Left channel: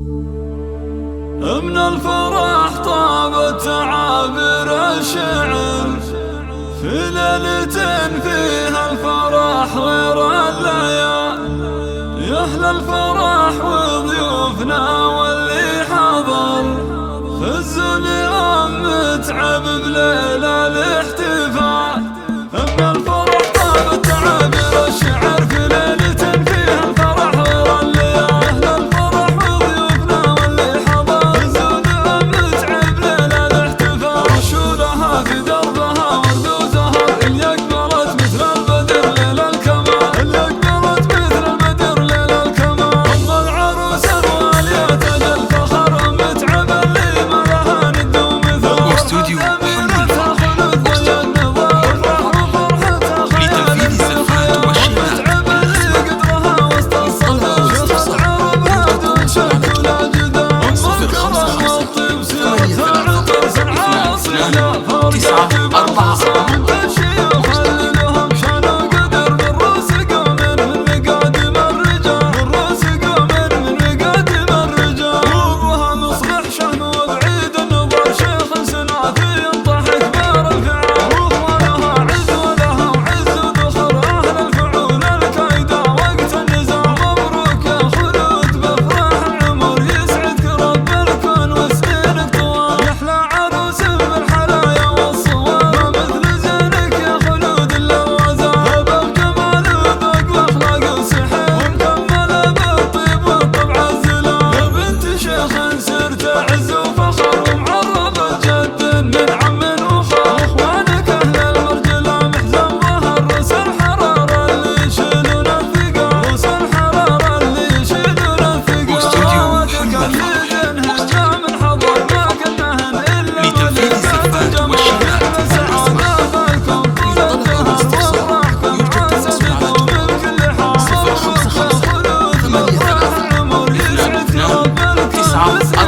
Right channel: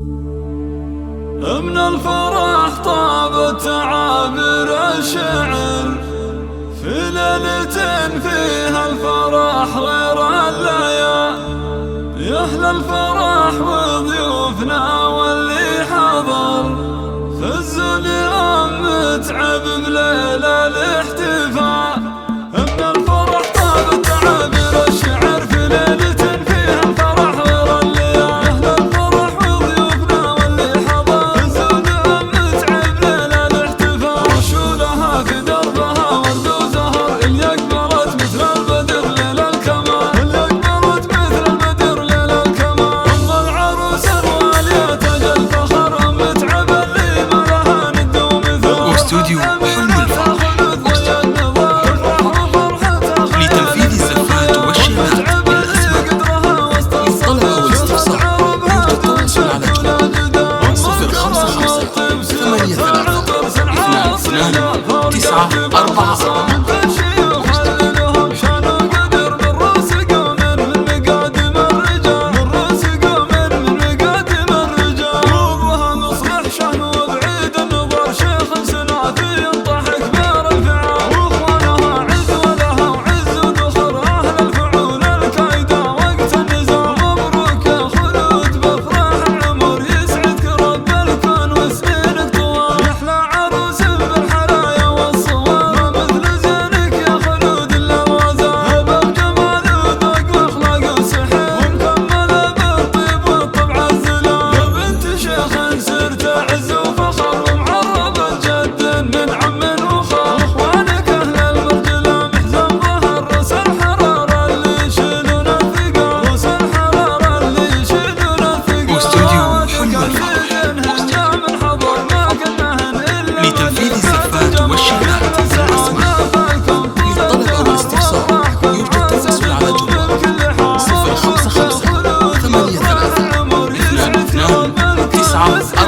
من الفرح طابت تعابير الشعر في ليلة فيها الفرح غير الليالي. يا أهل الفرح وضيوفنا واللي حضر فزوا اليوم متعب بليلة الاحتفال. من الفرح طابت تعابير الشعر في ليلة فيها الفرح غير الليالي. يا أهل الفرح وضيوفنا واللي حضر فزوا اليوم متعب ليلة الاحتفال. رشولها في دربها ورد وزهر اللي أقبلت مثل البدر ليل الكمال. اللي أقبلت مثل البدر ليل الكمال. أم العروس الوالية تاج الفخر متعب اللي ما لها ند ومثال. واستوديو حلو الفرح لتنفيذ الزفات والشيلات بالأسماء. للطلب أو الاستفسار يرجى التواصل على جوال 055 83 229 خليلهم شان وقدر من رؤوس قوم من مقادم الرجال. من رؤوس قوم من مقادم الرجال. وابوها مصلح شهن وبعيد النظر شيخ سنافي ينطح كبار الفعال. واخوانها عز ولها وعز وذخر اهل الفعول الكايده وقت النزال. مبروك يا خلود بافراح العمر يسعدك رب الكون وسنينك طوال. يحلى عروس بالحلايا والصوار ما مثل زينك يا خلود الا الغزال. هبه بجمال وذوق واخلاق وسحر ومكمله بالطيب والطبع الزلال. يا بنت شيخ سرت عز وفخر ومعربه جد من عم وخال. واخوانك اهل المرجله محزن ظهر رؤوس الحراره اللي يشيلون الثقال. رؤوس الحراره اللي يشيلون الثقال. واستوديو حلو الفرح من حضر ما كنهن الا لتنفيذ الزفات والشيلات بالأسماء. للطلب أو الاستفسار يرجى التواصل على جوال 055 83 229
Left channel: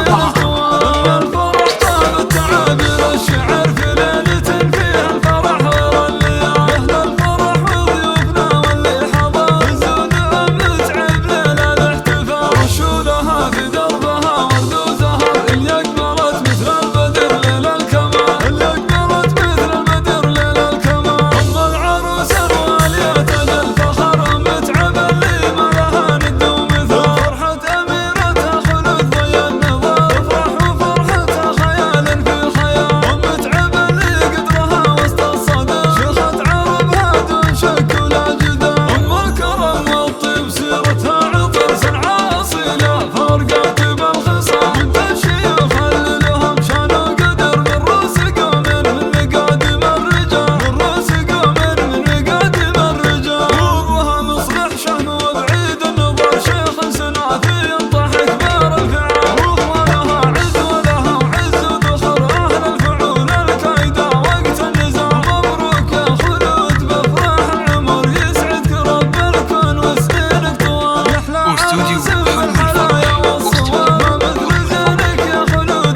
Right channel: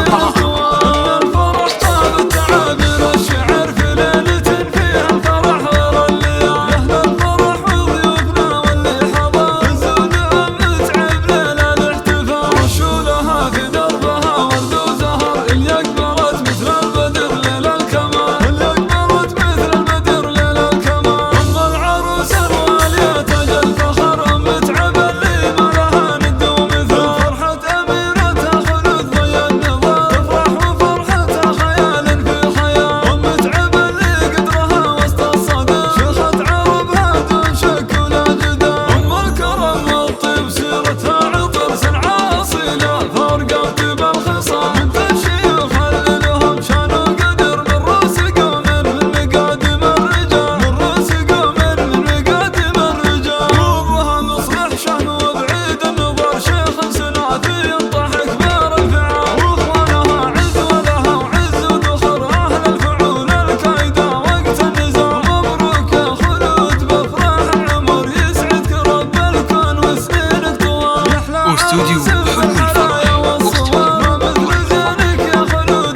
الفرح طابت تعابير الشعر في ليلة فيها الفرح غير الليالي. يا أهل الفرح وضيوفنا واللي حضر فزوا اليوم متعب ليلة الاحتفال. رشولها في دربها ورد وزهر اللي أقبلت مثل البدر ليل الكمال. اللي أقبلت مثل البدر ليل الكمال. أم العروس الوالية تاج الفخر متعب اللي ما لها ند ومثال. فرحة أميرتها خلود ضي النظام تفرح وفرحتها خيال في خيال. ومتعب اللي قدرها وسط الصدى شيخة عربها دون شك ولا جدال. أم الكرم والطيب سيرتها عطر صنعاء أصيلة فرقة طيب الخصام. بنت الشيوخ اللي لهم شان وقدر من رؤوس قوم من مقادم الرجال. من رؤوس قوم من مقادم الرجال. وابوها مصلح شهن وبعيد النظر شيخ سنافي ينطح كبار الفعال. واخوانها عز ولها وعز وذخر اهل الفعول الكايده وقت النزال. مبروك يا خلود بافراح العمر يسعدك رب الكون وسنينك طوال. يحلى واستوديو حلو الفرح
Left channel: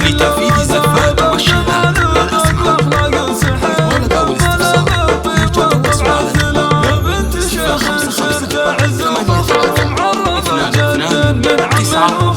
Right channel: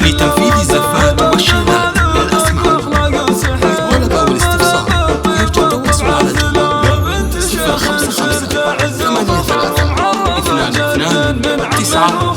لتنفيذ الزفات والشيلات بالأسماء. للطلب أو الاستفسار يرجى التواصل على جوال 055 83 229